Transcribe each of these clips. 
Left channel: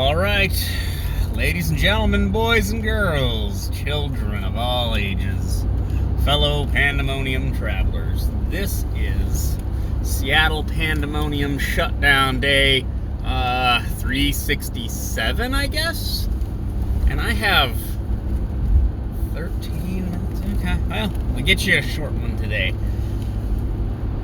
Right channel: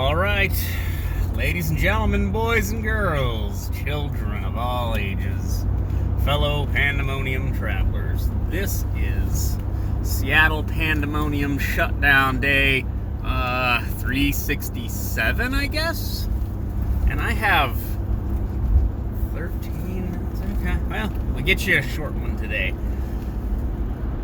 All right, ladies and gentlemen, boys and girls, children of all ages, fellow Pandemonium travelers, this is Seattle Pandemonium Shutdown Day 367, I guess? And I have 13 minutes. Okay, well, we'll get you a short one today.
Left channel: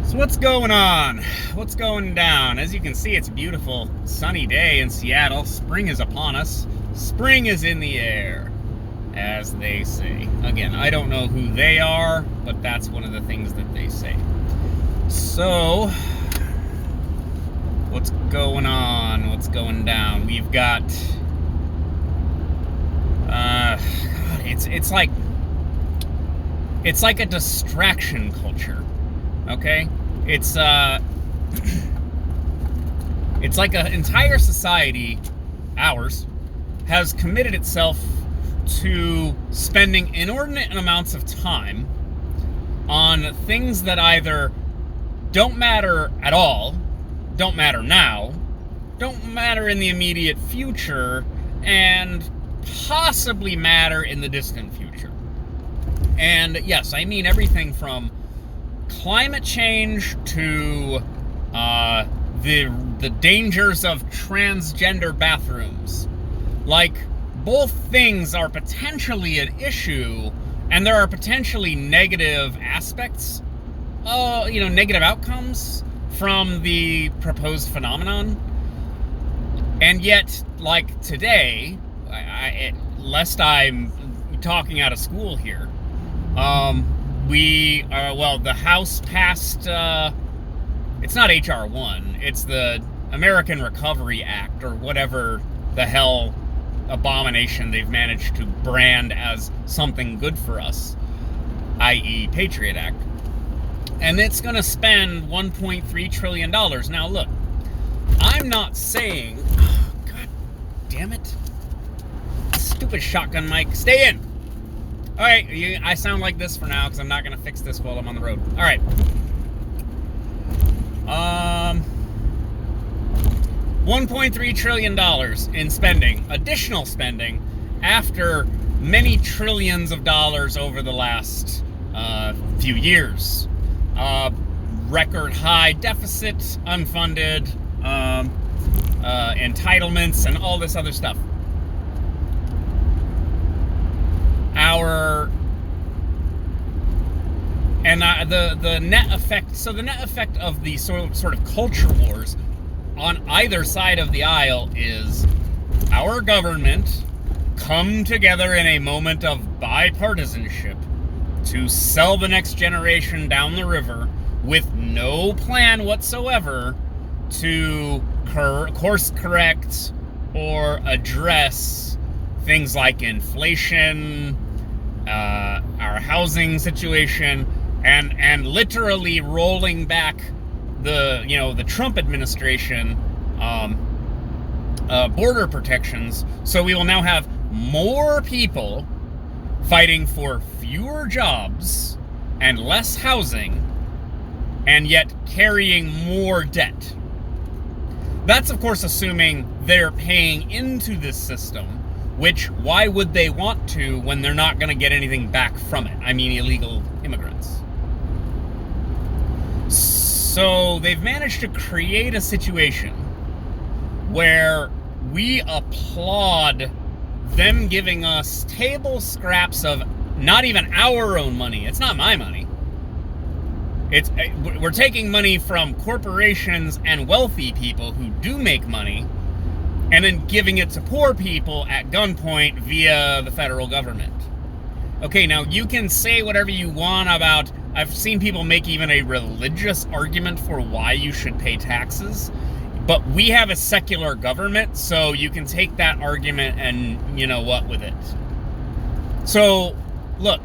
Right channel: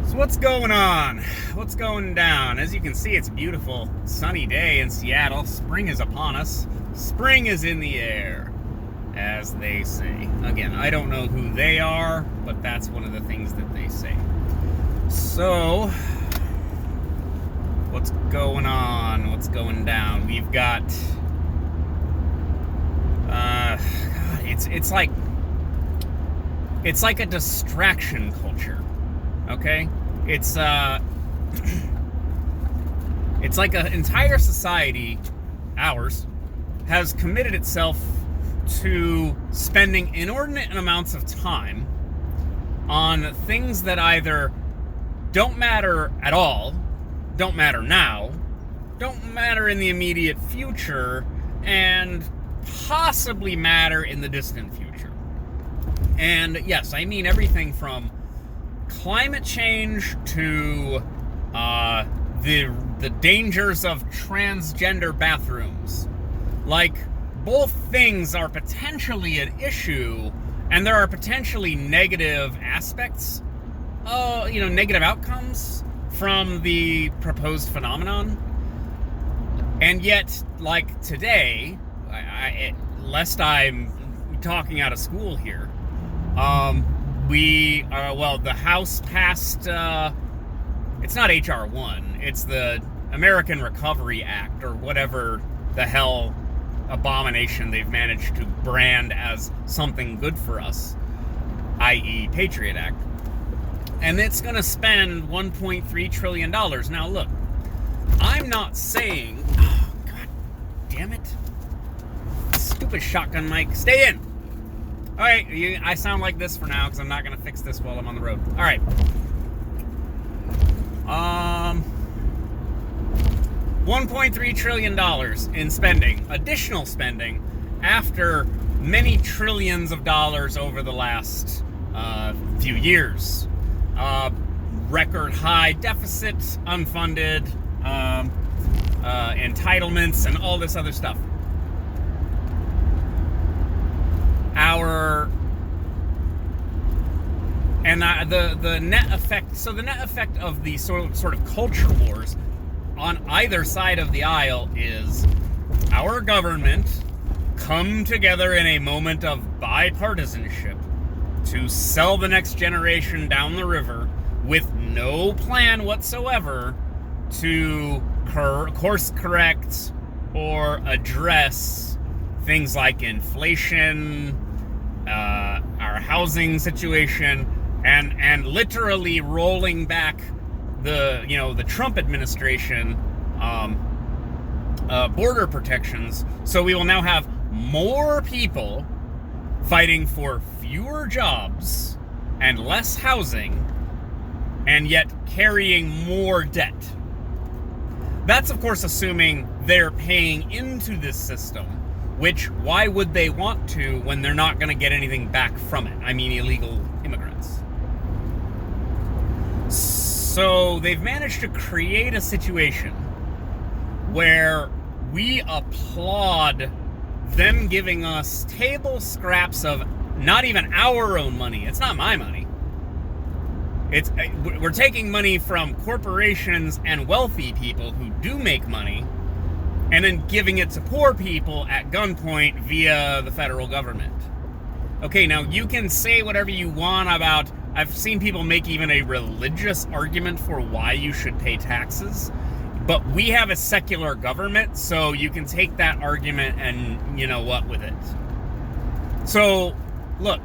So what's going on? What's going down? As you can see, it's a beautiful sunny day in Seattle. Spring is upon us. Spring is in the air, as they say. Again, I don't know who they are, but that's one of the things that they say. So, what's going on? What's going down? We've got, God, it's like a distraction culture. Okay? It's like an entire society, ours, has committed itself to spending inordinate amounts of time on things that either don't matter at all, don't matter now, don't matter in the immediate future, and possibly matter in the distant future. And yes, I mean everything from climate change to the dangers of transgender bathrooms. Like, both things are potentially an issue, and there are potentially negative aspects, negative outcomes from the proposed phenomenon. And yet, like today, lest I'm talking out of school here, the House passed, it's not H.R. 1, it's the American Recovery Act, or whatever the hell abomination they've managed to brand as something good for us, i.e. Patriot Act. And it's going to spend $1.3 trillion. Now look, I'm not saying, God damn it, stupid shotgun mic, stay in. All right, I sound like this for now because I'm not going to fix this while I'm on the road. All right. $1.3 trillion in spending, additional spending, after many trillions of dollars over the last few years. Record high deficit, unfunded, entitlements, and all this other stuff. The net effect. So the net effect of the sort of culture wars on either side of the aisle is our government come together in a moment of bipartisanship to sell the next generation down the river with no plan whatsoever to course correct or address things like inflation, our housing situation, and literally rolling back the Trump administration border protections. So we will now have more people fighting for fewer jobs and less housing, and yet carrying more debt. That's, of course, assuming they're paying into this system, which, why would they want to when they're not going to get anything back from it? I mean, illegal immigrants. So they've managed to create a situation where we applaud them giving us table scraps of not even our own money. It's not my money. We're taking money from corporations and wealthy people who do make money, and then giving it to poor people at gunpoint via the federal government. Okay, now you can say whatever you want about, I've seen people make even a religious argument for why you should pay taxes, but we have a secular government, so you can take that argument and, with it. So, look,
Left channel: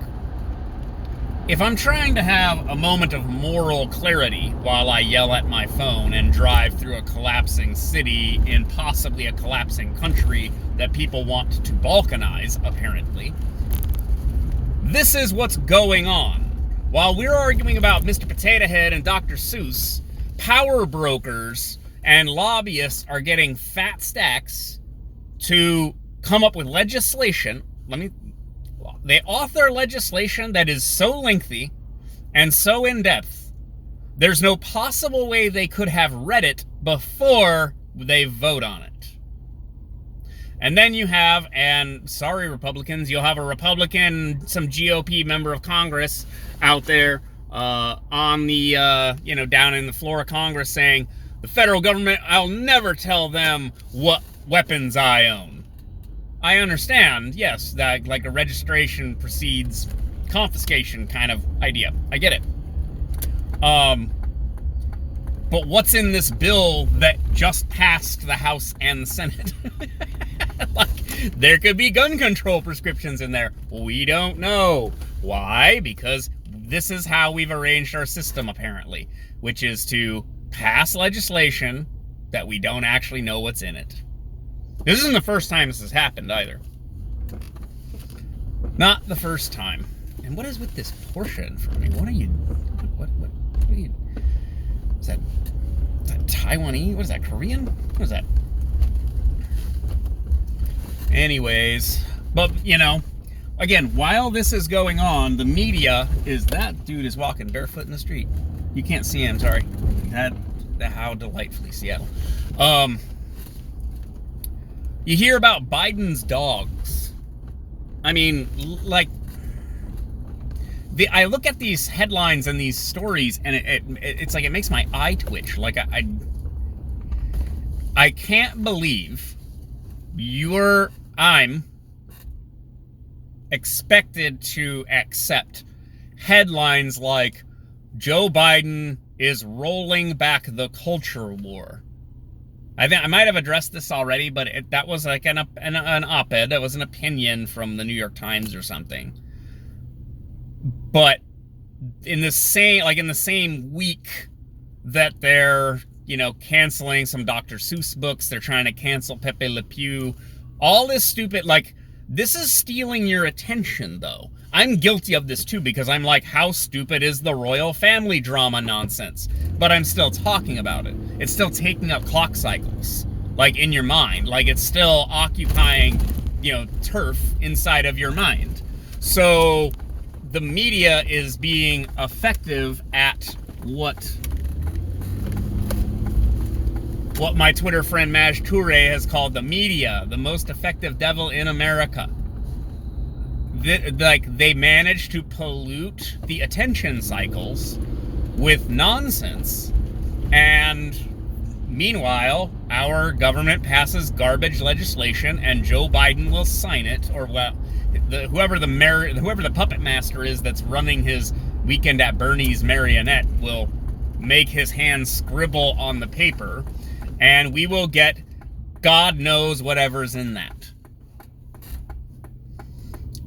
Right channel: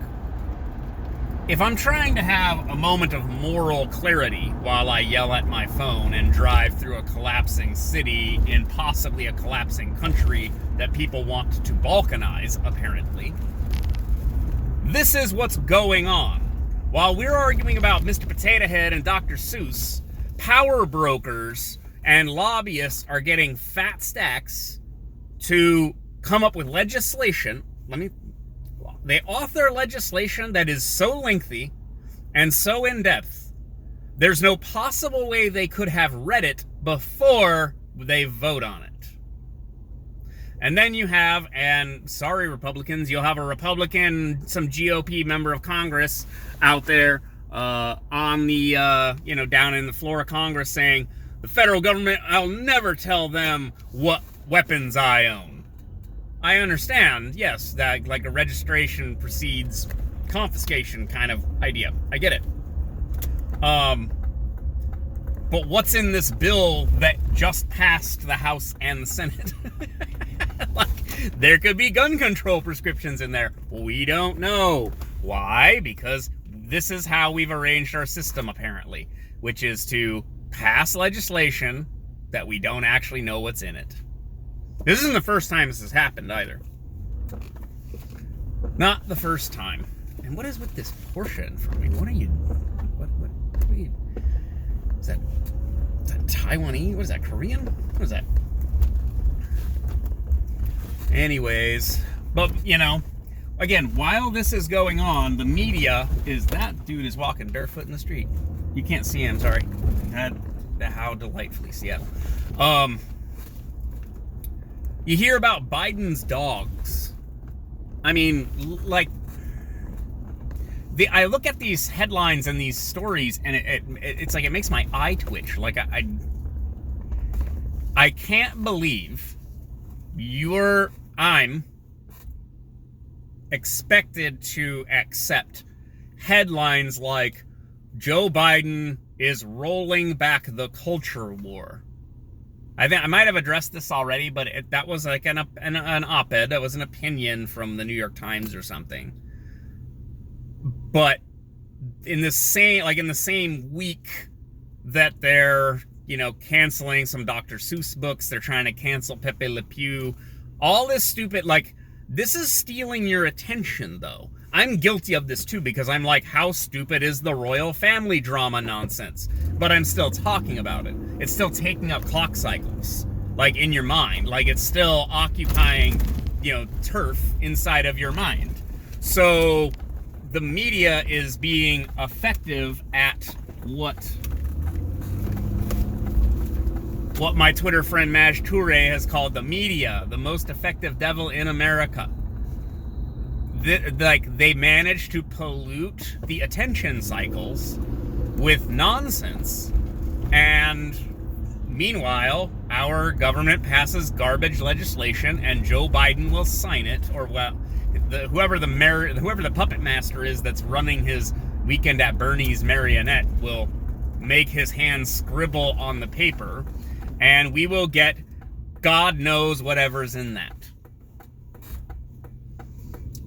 if I'm trying to have a moment of moral clarity while I yell at my phone and drive through a collapsing city in possibly a collapsing country that people want to balkanize, apparently, this is what's going on. While we're arguing about Mr. Potato Head and Dr. Seuss, power brokers and lobbyists are getting fat stacks to come up with legislation. They author legislation that is so lengthy and so in-depth, there's no possible way they could have read it before they vote on it. And then you have, and sorry Republicans, you'll have a Republican, some GOP member of Congress out there on the, down in the floor of Congress saying, the federal government, I'll never tell them what weapons I own. I understand, yes, that like a registration precedes confiscation kind of idea. I get it. But what's in this bill that just passed the House and Senate? Like, there could be gun control prescriptions in there. We don't know. Why? Because this is how we've arranged our system, apparently, which is to pass legislation that we don't actually know what's in it. This isn't the first time this has happened, either. Not the first time. And what is with this Porsche in front of me? What are you... What are you... Is that Taiwanese? What is that, Korean? What is that? Anyways, but, again, while this is going on, the media is... That dude is walking barefoot in the street. You can't see him, sorry. How delightfully Seattle. You hear about Biden's dogs. I mean, like... I look at these headlines and these stories, and it's like it makes my eye twitch. Like I can't believe I'm expected to accept headlines like Joe Biden is rolling back the culture war. I think I might have addressed this already, but that was like an op-ed. That was an opinion from the New York Times or something. But in the same week that they're, canceling some Dr. Seuss books, they're trying to cancel Pepe Le Pew, all this stupid, this is stealing your attention, though. I'm guilty of this, too, because I'm like, how stupid is the royal family drama nonsense? But I'm still talking about it. It's still taking up clock cycles, in your mind. It's still occupying, turf inside of your mind. So... the media is being effective at what my Twitter friend Maj Toure has called the media, the most effective devil in America. They manage to pollute the attention cycles with nonsense, and meanwhile, our government passes garbage legislation, and Joe Biden will sign it, or whoever the puppet master is that's running his Weekend at Bernie's marionette will make his hand scribble on the paper, and we will get God knows whatever's in that.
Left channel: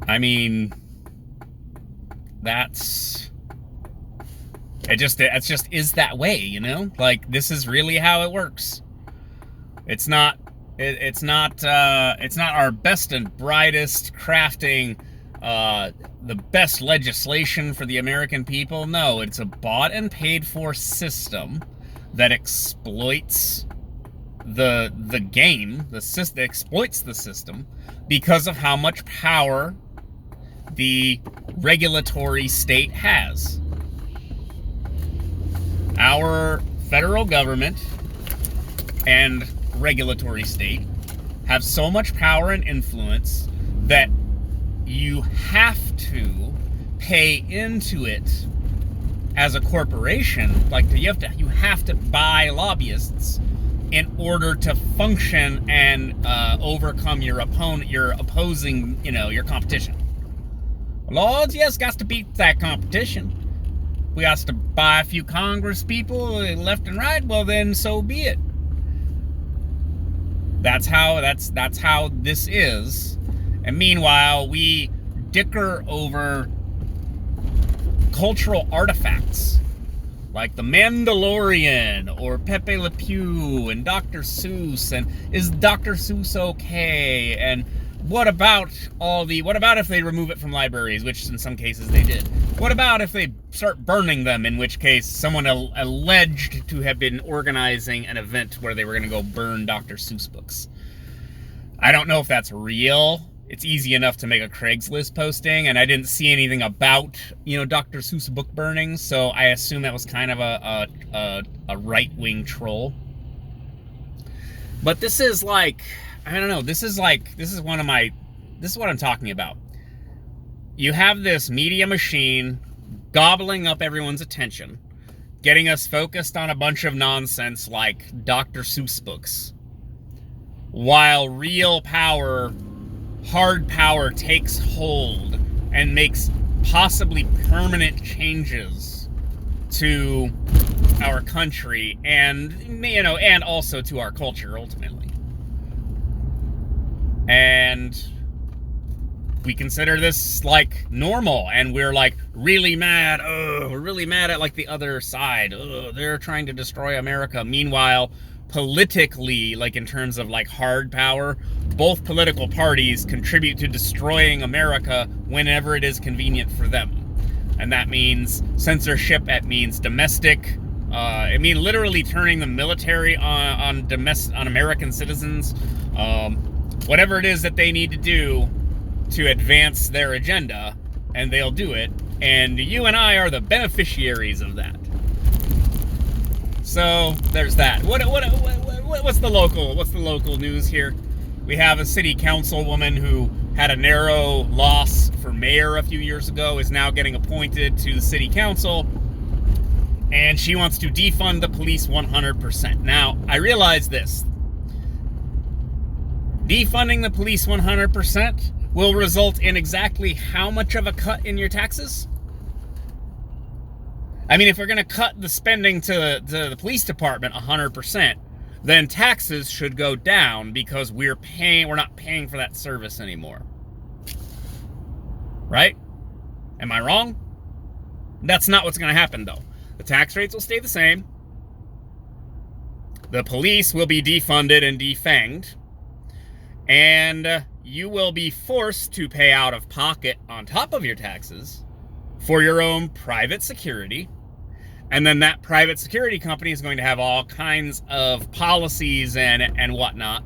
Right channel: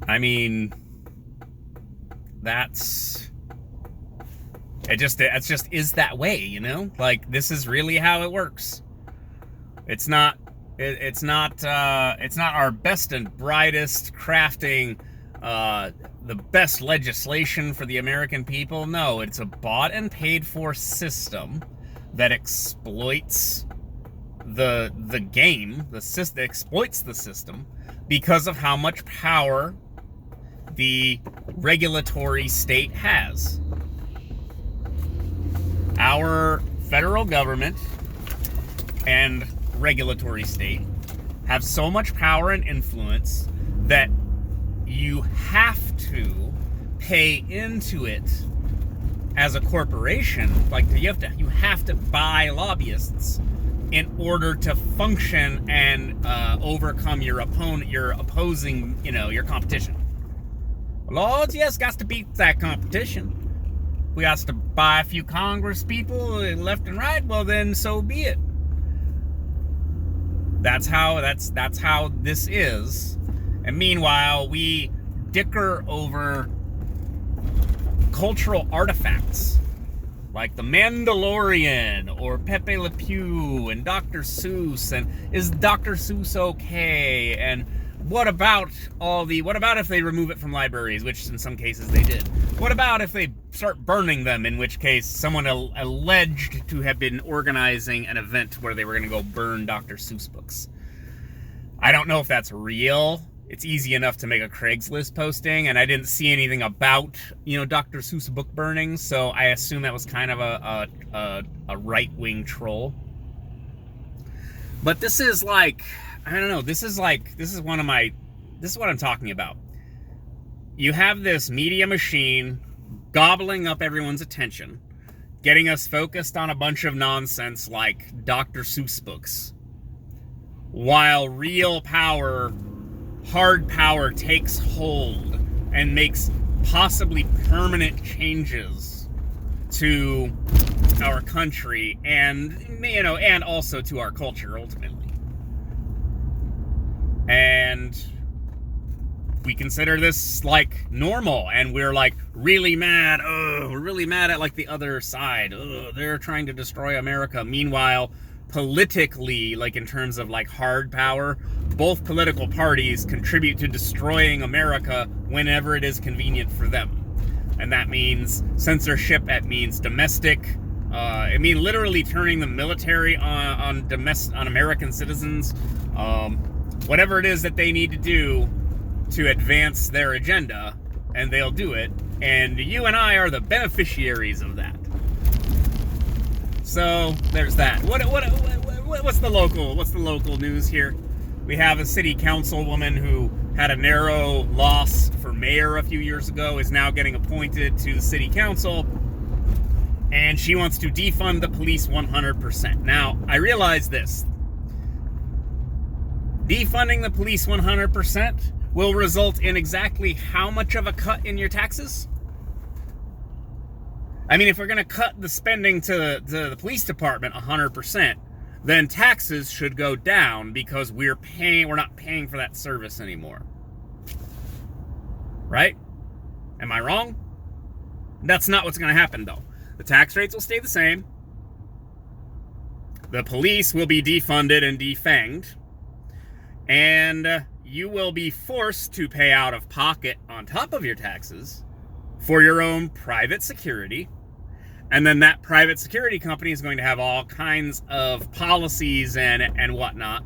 I mean, it just is that way, this is really how it works. It's not our best and brightest crafting the best legislation for the American people. No, it's a bought and paid for system that exploits the game. The system exploits the system because of how much power the regulatory state has. Our federal government and regulatory state have so much power and influence that you have to pay into it as a corporation. You have to buy lobbyists in order to function and overcome your opposing, your competition. Lords, yes, got to beat that competition. We got to buy a few Congress people left and right. Well, then so be it. That's how this is. And meanwhile, we dicker over cultural artifacts like the Mandalorian or Pepe Le Pew and Dr. Seuss, and is Dr. Seuss okay? And what about if they remove it from libraries, which in some cases they did? What about if they start burning them, in which case someone alleged to have been organizing an event where they were going to go burn Dr. Seuss books? I don't know if that's real. It's easy enough to make a Craigslist posting, and I didn't see anything about, Dr. Seuss book burning, so I assume that was kind of a right-wing troll. But this is like, I don't know, this is what I'm talking about. You have this media machine gobbling up everyone's attention, getting us focused on a bunch of nonsense like Dr. Seuss books, while real power, hard power, takes hold and makes possibly permanent changes to our country and, and also to our culture ultimately. And we consider this like normal, and we're like really mad. Oh, we're really mad at like the other side. Oh, they're trying to destroy America. Meanwhile, politically, like in terms of like hard power, both political parties contribute to destroying America whenever it is convenient for them. And that means censorship, that means domestic, it means literally turning the military on American citizens, whatever it is that they need to do to advance their agenda, and they'll do it. And you and I are the beneficiaries of that. So there's that. What's the local news here? We have a city councilwoman who had a narrow loss for mayor a few years ago, is now getting appointed to the city council, and she wants to defund the police 100%. Now, I realize this. Defunding the police 100% will result in exactly how much of a cut in your taxes? I mean, if we're going to cut the spending to the police department 100%, then taxes should go down because we're not paying for that service anymore. Right? Am I wrong? That's not what's going to happen, though. The tax rates will stay the same. The police will be defunded and defanged. And you will be forced to pay out of pocket on top of your taxes for your own private security. And then that private security company is going to have all kinds of policies and whatnot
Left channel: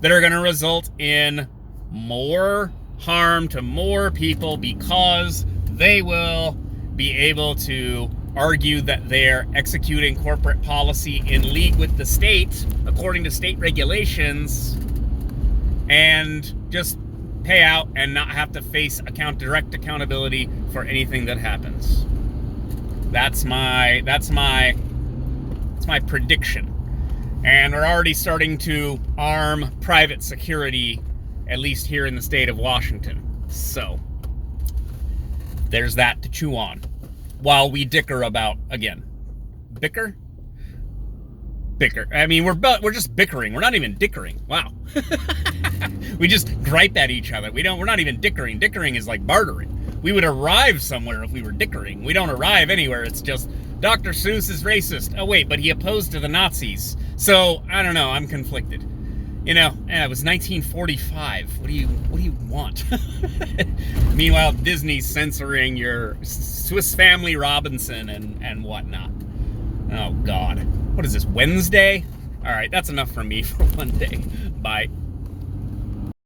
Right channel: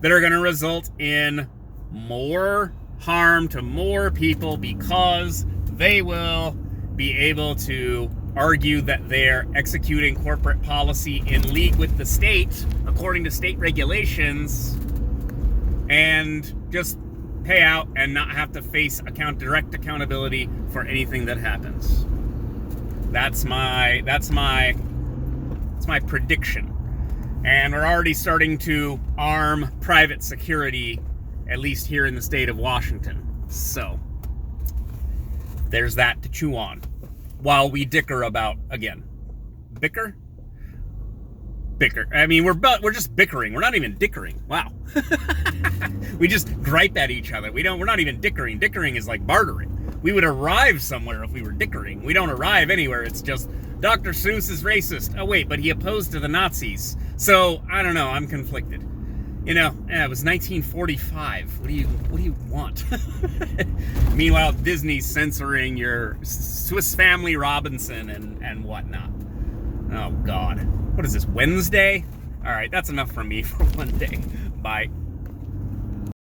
that are going to result in more harm to more people, because they will be able to argue that they're executing corporate policy in league with the state, according to state regulations, and just pay out and not have to face direct accountability for anything that happens. That's my prediction. And we're already starting to arm private security, at least here in the state of Washington. So there's that to chew on while we dicker about, again, bicker. I mean, we're just bickering. We're not even dickering. Wow. We just gripe at each other. We're not even dickering. Dickering is like bartering. We would arrive somewhere if we were dickering. We don't arrive anywhere. It's just Dr. Seuss is racist. Oh wait, but he opposed to the Nazis. So I don't know. I'm conflicted. It was 1945. What do you want? Meanwhile, Disney's censoring your Swiss Family Robinson and whatnot. Oh God. What is this, Wednesday? All right, that's enough from me for one day. Bye.